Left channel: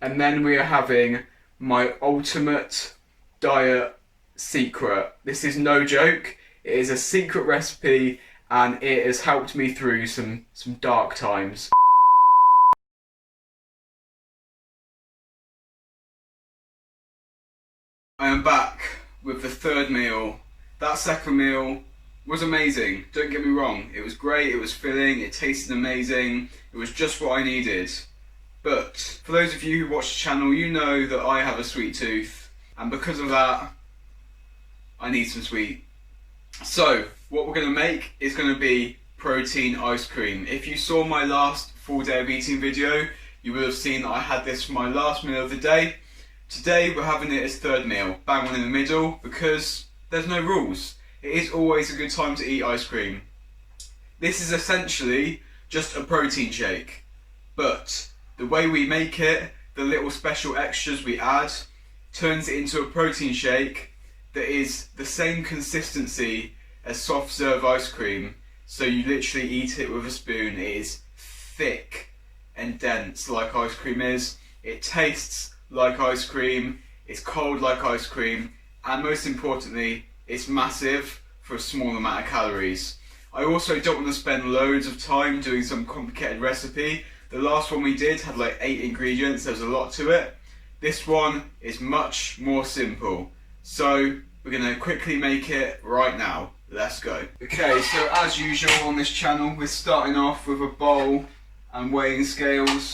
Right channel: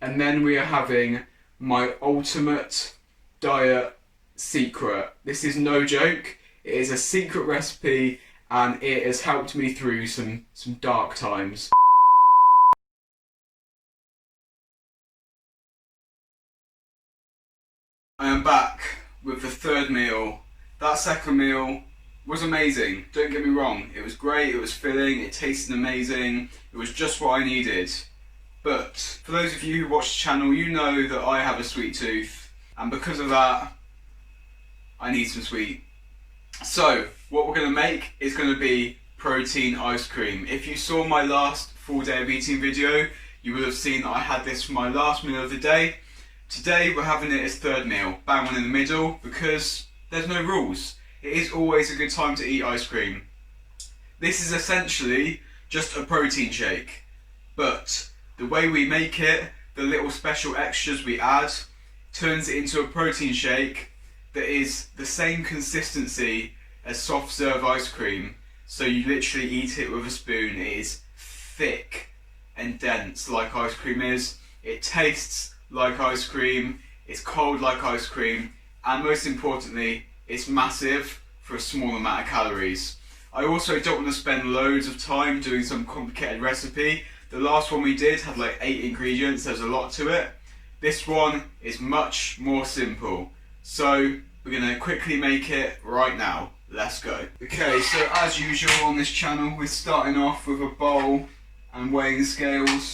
And then we are having my ultimate diet secret. This is no joke. It is a secret recipe and it has helped me through some dark times. I am back with the third meal. That second meal was amazing, don't get me wrong. It was great, it was filling, it tasted amazing. It was just what I needed. But for those of you who watch the channel, you know that I have a sweet tooth. And because of that, I need some sweet. So what we're going to make is going to be protein ice cream. If you saw my last full day of eating video, you will have seen that I had this for my last meal of the day. Today we're having it as third meal, bang on in the middle, because there's no rules. It is always a good time to eat ice cream. This is essentially just a protein shake, but the way we make it, the little special extras we add, turns it into a protein shake that is the same consistency as soft serve ice cream. So you literally eat it with a spoon. It is thick and dense like ice cream is. It tastes like ice cream, it's cold like ice cream, and most importantly, it's massive for a small amount of calories. I also don't want to spend loads of time doing some complicated recipe. The last one we did had like 8 ingredients, there's a lot to it. This one is much more simple. So we're going to quickly make it right now. Let's go. Okay, so as usual on this channel, we're starting off with a bowl and weighing scales.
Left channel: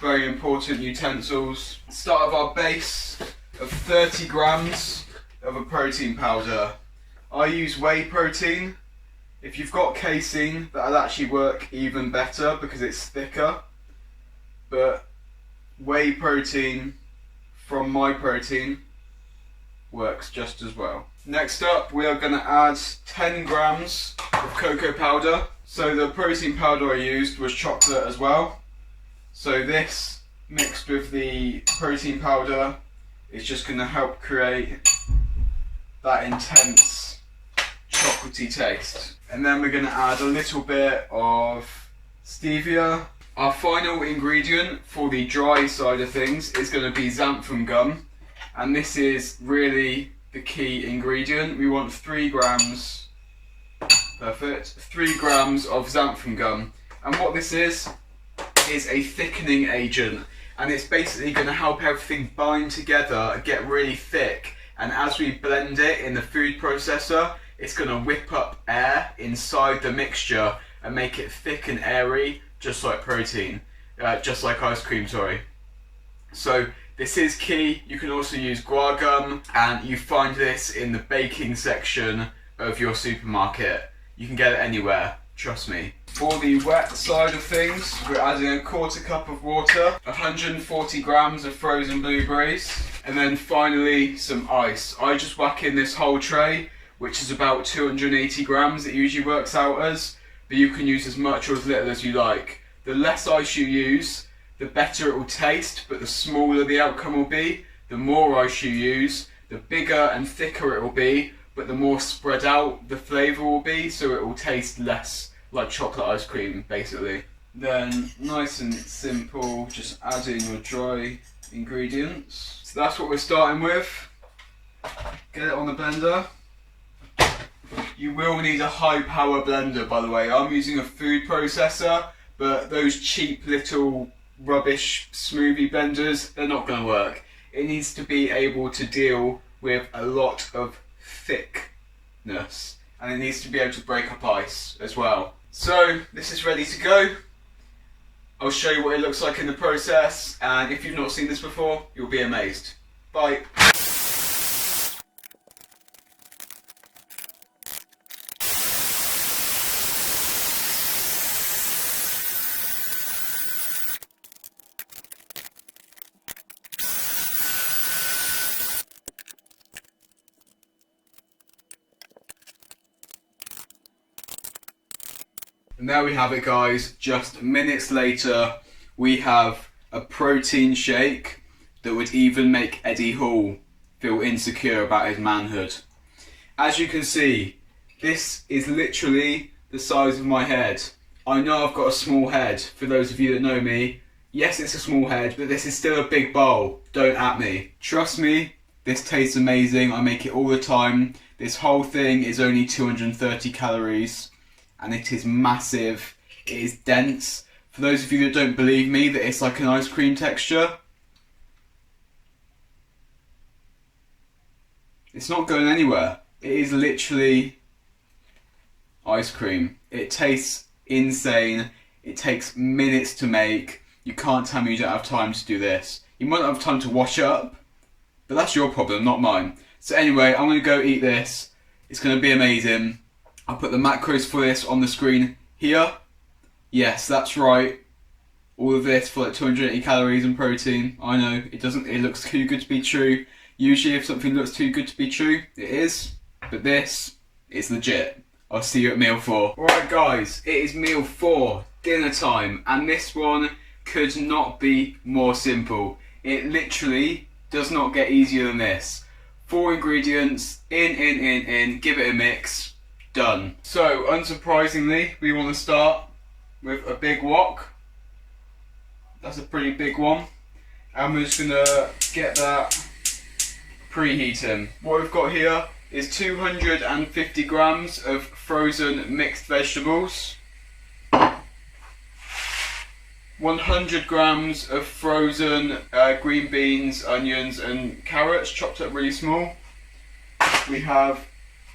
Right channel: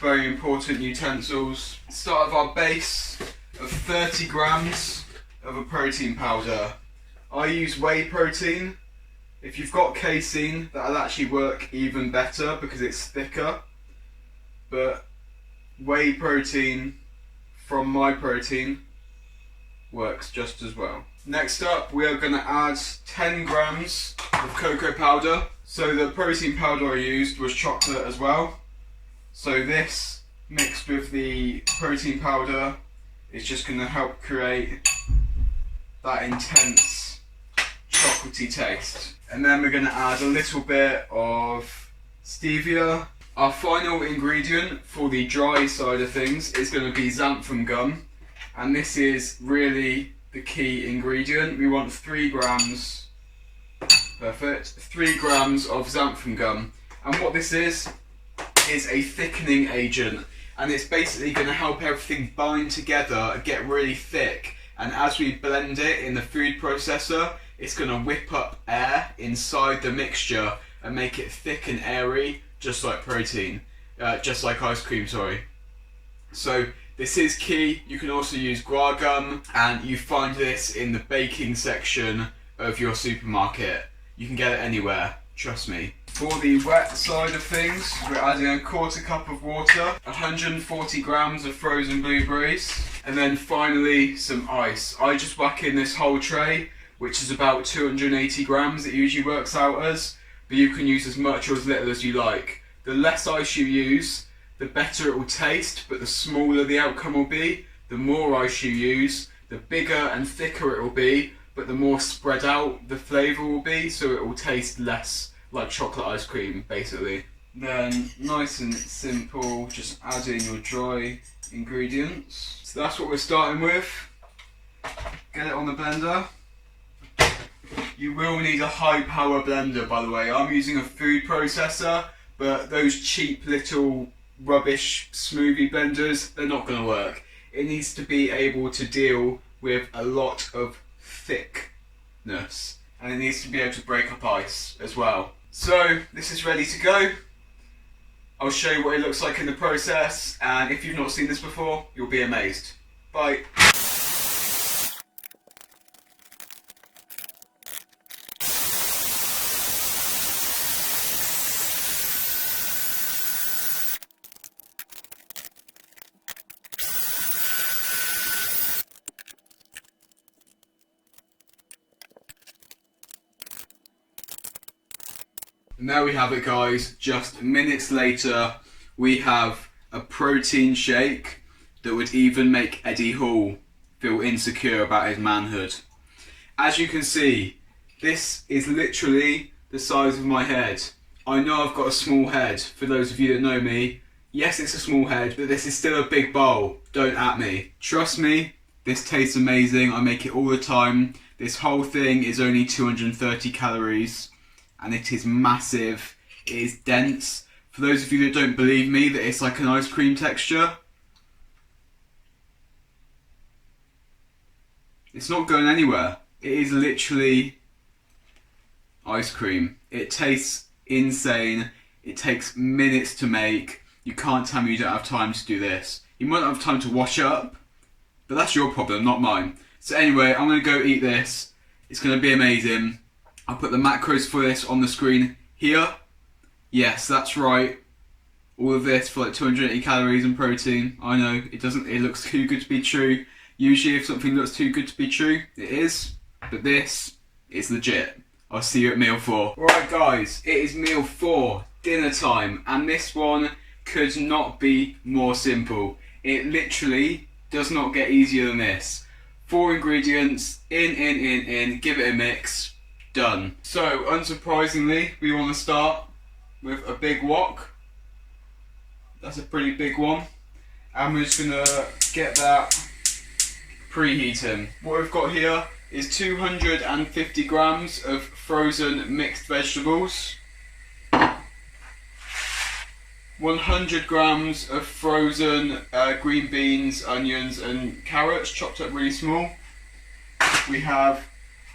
Very important utensils. Start with our base of 30 grams of a protein powder. I use whey protein. If you've got casein, that'll actually work even better because it's thicker. But whey protein from my protein works just as well. Next up, we are going to add 10 grams of cocoa powder. So the protein powder I used was chocolate as well. So this mixed with the protein powder is just going to help create that intense chocolatey taste. And then we're going to add a little bit of stevia. Our final ingredient for the dry side of things is going to be xanthan gum. And this is really the key ingredient. We want 3 grams, perfect, 3 grams of xanthan gum. And what this is a thickening agent, and it's basically going to help everything bind together and get really thick, and as we blend it in the food processor, it's going to whip up air inside the mixture and make it thick and airy, just like protein, just like ice cream, sorry. So this is key. You can also use guar gum, and you find this in the baking section of your supermarket. You can get it anywhere. Trust me. For the wet side of things, we're adding a 1/4 cup of water, 140 grams of frozen blueberries, and then finally some ice. I just whack in this whole tray, which is about 280 grams, it usually works out as, but you can use as much or as little as you like. The less ice you use, the better it will taste, but the smaller the outcome will be. The more ice you use, the bigger and thicker it will be, but the more spread out the flavour will be, so it will taste less like chocolate ice cream, basically. Then, nice and simple, just add in your dry ingredients. So that's what we're starting with. Get it on the blender. You will need a high power blender, by the way. I'm using a food processor, but those cheap little rubbish smoothie blenders, they're not going to work. It needs to be able to deal with a lot of thickness, and it needs to be able to break up ice as well. So this is ready to go. I'll show you what it looks like in the process, and if you've not seen this before, you'll be amazed. Bye. And there we have it, guys. Just minutes later, we have a protein shake that would even make Eddie Hall feel insecure about his manhood. As you can see, this is literally the size of my head. I know I've got a small head. For those of you that know me, Yes, it's a small head, but this is still a big bowl. Don't at me. Trust me, this tastes amazing. I make it all the time. This whole thing is only 230 calories and it is massive. It is dense. For those of you that don't believe me that it's like an ice cream texture, it's not going anywhere. It is literally ice cream. It tastes insane. It takes minutes to make. You can't tell me you don't have time to do this. You might not have time to wash up, but that's your problem, not mine. So anyway, I'm going to go eat this. It's going to be amazing. I'll put the macros for this on the screen here. Yes, that's right. All of this for like 280 calories and protein. I know, it looks too good to be true. Usually if something looks too good to be true, it is. But this is legit. I'll see you at meal 4. Alright guys, it is meal 4, dinner time. And this one could not be more simple. It literally does not get easier than this. 4 ingredients, in, give it a mix, done. So unsurprisingly, we want to start with a big wok. That's a pretty big one. And we're just gonna get that preheating. What we've got here is 250 grams of frozen mixed vegetables, 100 grams of frozen green beans, onions and carrots chopped up really small. We have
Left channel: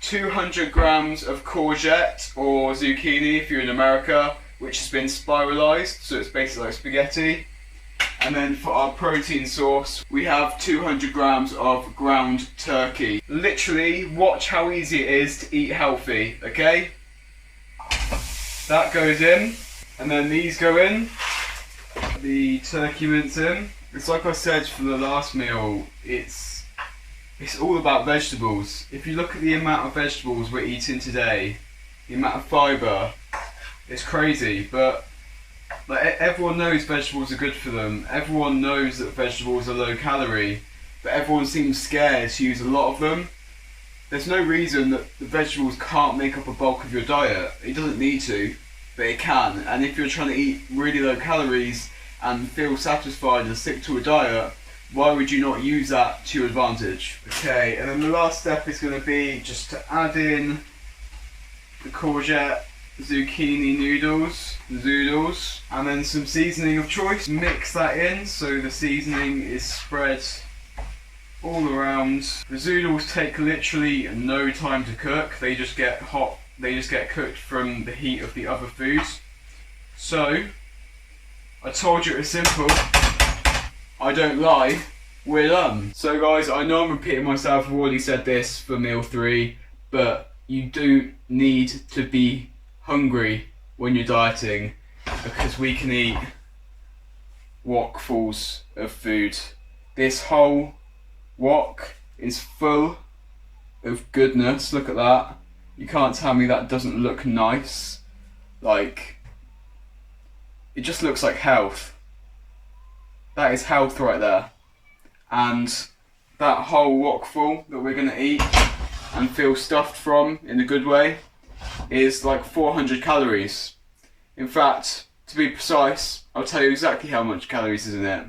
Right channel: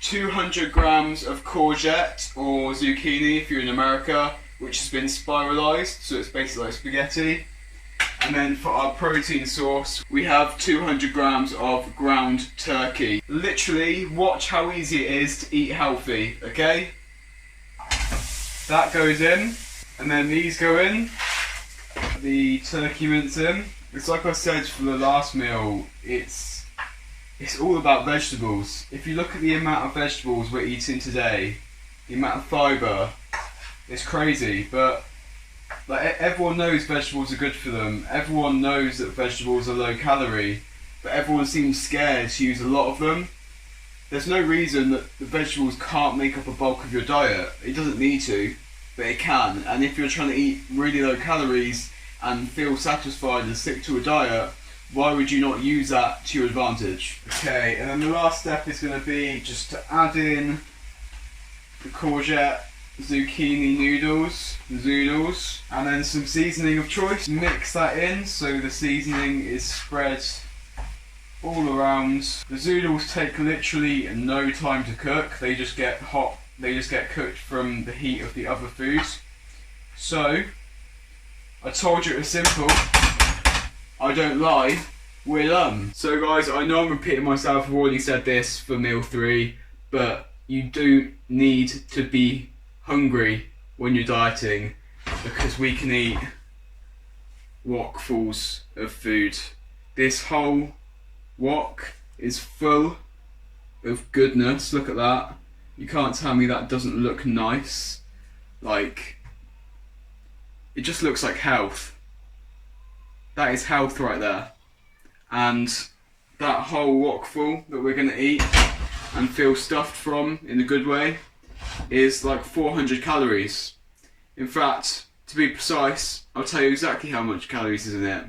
200 grams of courgette or zucchini if you're in America, which has been spiralised, so it's basically like spaghetti. And then for our protein source, we have 200 grams of ground turkey. Literally, watch how easy it is to eat healthy, okay? That goes in, and then these go in. The turkey mince in. It's like I said for the last meal, it's all about vegetables. If you look at the amount of vegetables we're eating today, the amount of fibre, it's crazy, but like everyone knows vegetables are good for them. Everyone knows that vegetables are low calorie, but everyone seems scared to use a lot of them. There's no reason that the vegetables can't make up a bulk of your diet. It doesn't need to, but it can. And if you're trying to eat really low calories and feel satisfied and stick to a diet, why would you not use that to your advantage? Okay, and then the last step is going to be just to add in the courgette, zucchini zoodles, and then some seasoning of choice. Mix that in so the seasoning is spread all around. The zoodles take literally no time to cook. They just get hot. They just get cooked from the heat of the other foods. So I told you it was simple. I don't lie. We're done. So guys, I know I'm repeating myself. I've already said this for meal 3, but you do need to be hungry when you're dieting, because we can eat wokfuls of food. This whole wok is full of goodness. Look at that. You can't tell me that doesn't look nice. Like, it just looks like health. That is health right there. And that whole wokful that we're gonna eat and feel stuffed from in a good way is like 400 calories. In fact, to be precise, I'll tell you exactly how much calories is in it.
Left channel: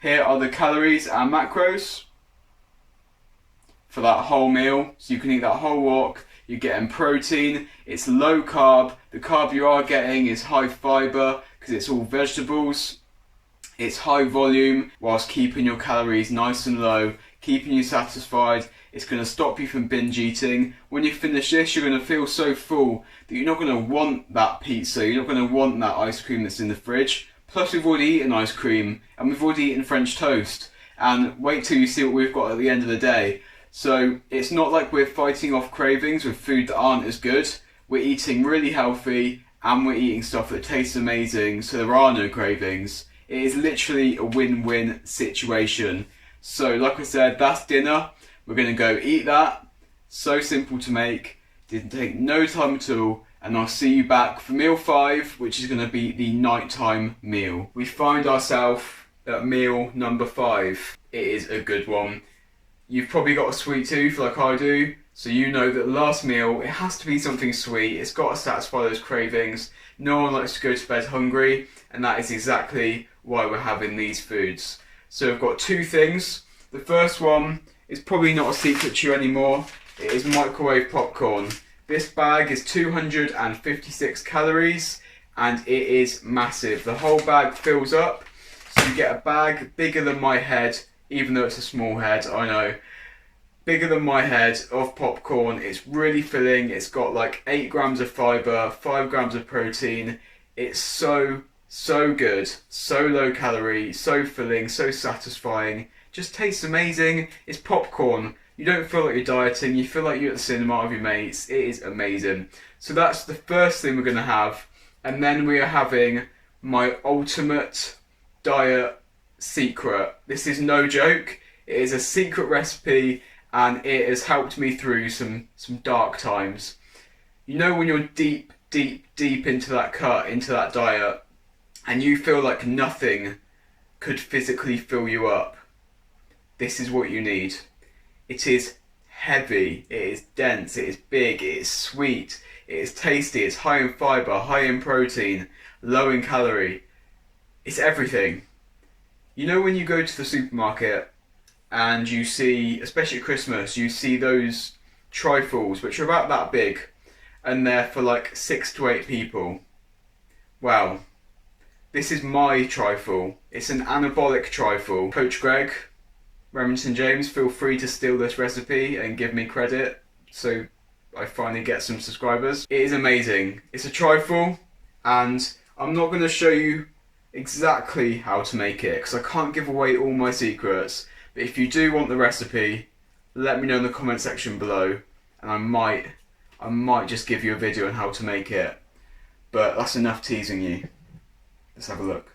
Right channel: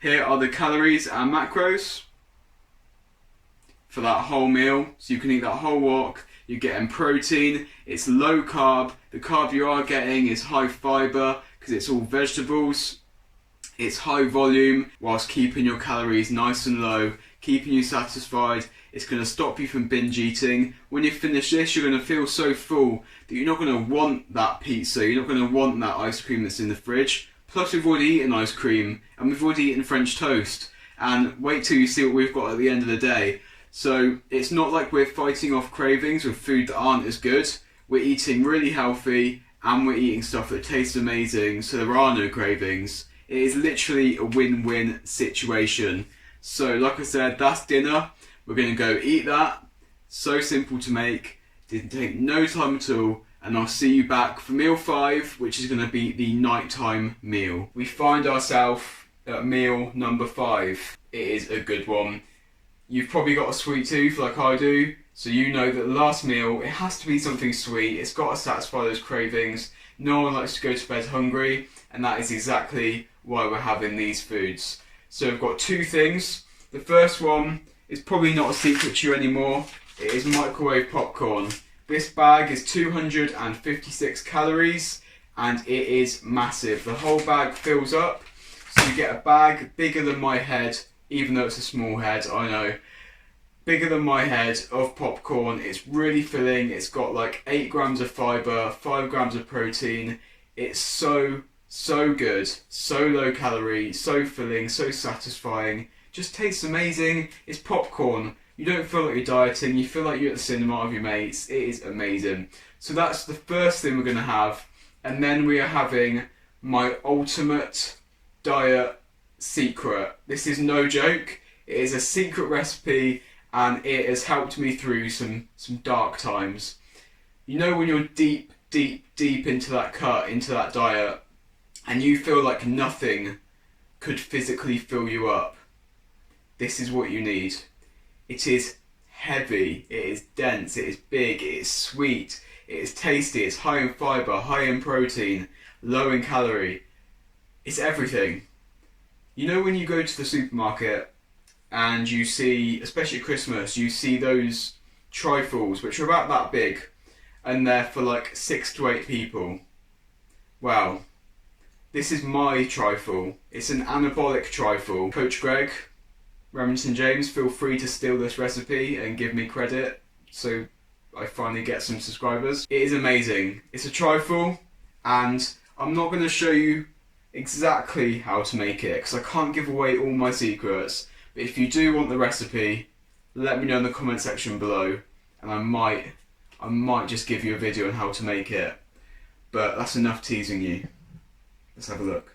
Here are the calories and macros for that whole meal. So you can eat that whole wok. You're getting protein, it's low carb. The carb you are getting is high fibre because it's all vegetables. It's high volume whilst keeping your calories nice and low, keeping you satisfied. It's going to stop you from binge eating. When you finish this, you're going to feel so full that you're not going to want that pizza, you're not going to want that ice cream that's in the fridge. Plus we've already eaten ice cream and we've already eaten French toast. And wait till you see what we've got at the end of the day. So it's not like we're fighting off cravings with food that aren't as good. We're eating really healthy and we're eating stuff that tastes amazing, so there are no cravings. It is literally a win-win situation. So like I said, that's dinner. We're going to go eat that. So simple to make. Didn't take no time at all. And I'll see you back for meal 5, which is going to be the nighttime meal. We find ourselves at meal number 5. It is a good one. You've probably got a sweet tooth like I do, so you know that the last meal, it has to be something sweet. It's got to satisfy those cravings. No one likes to go to bed hungry, and that is exactly why we're having these foods. So we've got two things. The first one is probably not a secret to you anymore. It is microwave popcorn. This bag is 256 calories and it is massive. The whole bag fills up, so you get a bag bigger than my head, even though it's a small head, I know. Bigger than my head of popcorn. It's really filling. It's got like 8 grams of fibre, 5 grams of protein. It's so good, so low calorie, so filling, so satisfying. Just tastes amazing. It's popcorn. You don't feel like you're dieting, you feel like you're at the cinema with your mates. It is amazing. So that's the first thing we're going to have. And then we are having my ultimate diet secret. This is no joke. It is a secret recipe and it has helped me through some dark times. You know when you're deep into that cut, into that diet, and you feel like nothing could physically fill you up? This is what you need. It is heavy, it is dense, it is big, it is sweet, it is tasty, it's high in fibre, high in protein, low in calorie. It's everything. You know when you go to the supermarket and you see, especially at Christmas, you see those trifles which are about that big and they're for like 6 to 8 people. Wow. This is my trifle. It's an anabolic trifle. Coach Greg, Remington James, feel free to steal this recipe and give me credit so I finally get some subscribers. It is amazing. It's a trifle and I'm not going to show you exactly how to make it because I can't give away all my secrets, but if you do want the recipe, let me know in the comment section below and I might just give you a video on how to make it, but that's enough teasing you. Let's have a look.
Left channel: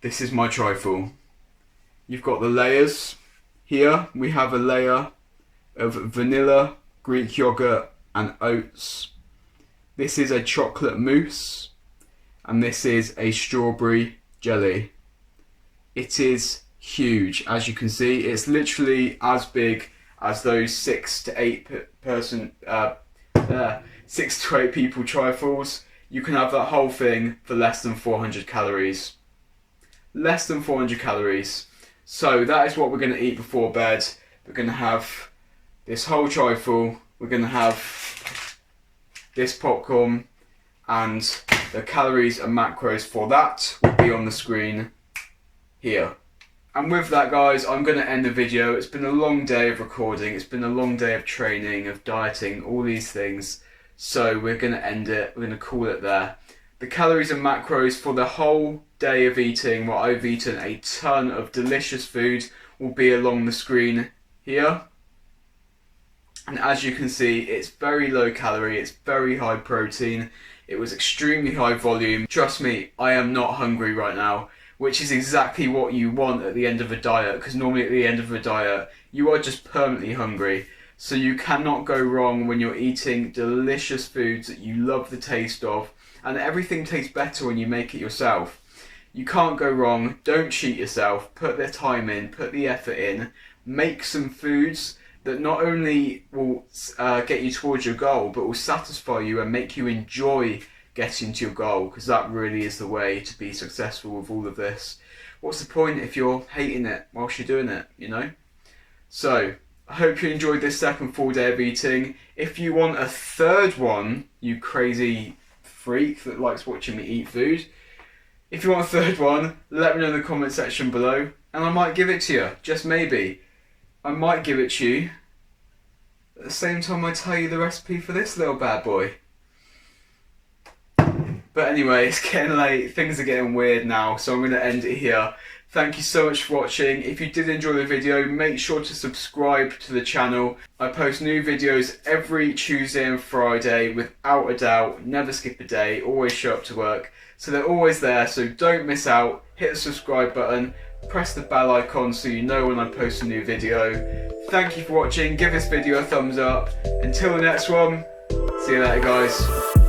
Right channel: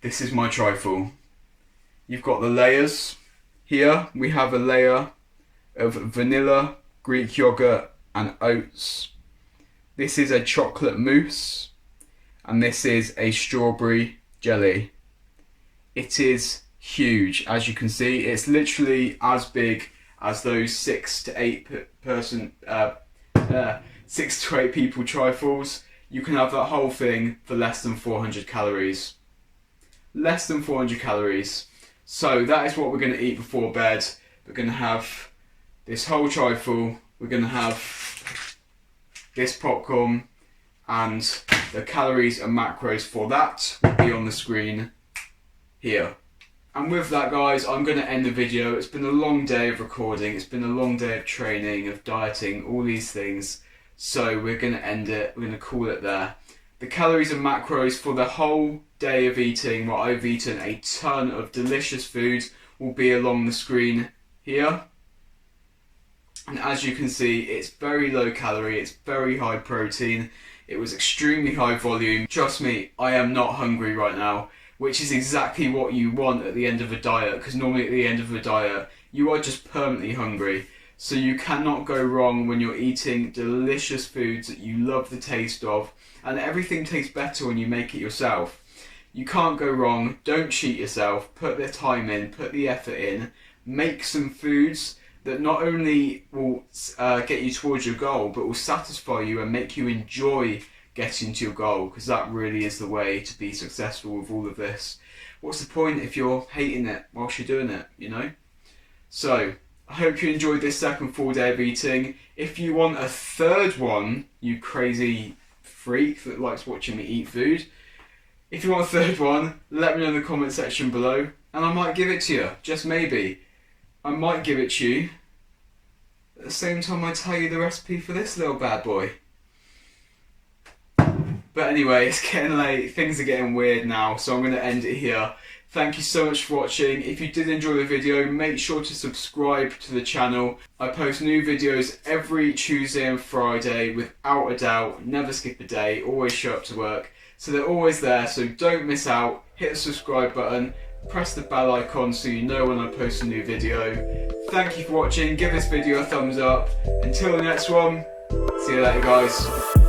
This is my trifle. You've got the layers. Here we have a layer of vanilla, Greek yogurt and oats. This is a chocolate mousse and this is a strawberry jelly. It is huge, as you can see. It's literally as big as those 6 to 8 people trifles. You can have that whole thing for less than 400 calories. Less than 400 calories. So that is what we're going to eat before bed. We're going to have this whole trifle. We're going to have this popcorn, and the calories and macros for that will be on the screen here. And with that, guys, I'm going to end the video. It's been a long day of recording. It's been a long day of training, of dieting, all these things. So we're going to end it. We're going to call it there. The calories and macros for the whole day of eating, what I've eaten a ton of delicious food, will be along the screen here. And as you can see, it's very low calorie, it's very high protein, it was extremely high volume. Trust me, I am not hungry right now, which is exactly what you want at the end of a diet, because normally at the end of a diet, you are just permanently hungry. So you cannot go wrong when you're eating delicious foods that you love the taste of, and everything tastes better when you make it yourself. You can't go wrong. Don't cheat yourself. Put the time in, put the effort in, make some foods that not only will get you towards your goal, but will satisfy you and make you enjoy getting to your goal, because that really is the way to be successful with all of this. What's the point if you're hating it whilst you're doing it, you know? So I hope you enjoyed this second full day of eating. If you want a third one, you crazy freak that likes watching me eat food, if you want a third one, let me know in the comment section below and I might give it to you. Just maybe. I might give it to you at the same time I tell you the recipe for this little bad boy. But anyway, it's getting late, things are getting weird now, so I'm going to end it here. Thank you so much for watching. If you did enjoy the video, make sure to subscribe to the channel. I post new videos every Tuesday and Friday without a doubt. Never skip a day, always show up to work. So they're always there, so don't miss out. Hit the subscribe button, press the bell icon so you know when I post a new video. Thank you for watching, give this video a thumbs up. Until the next one, see you later guys.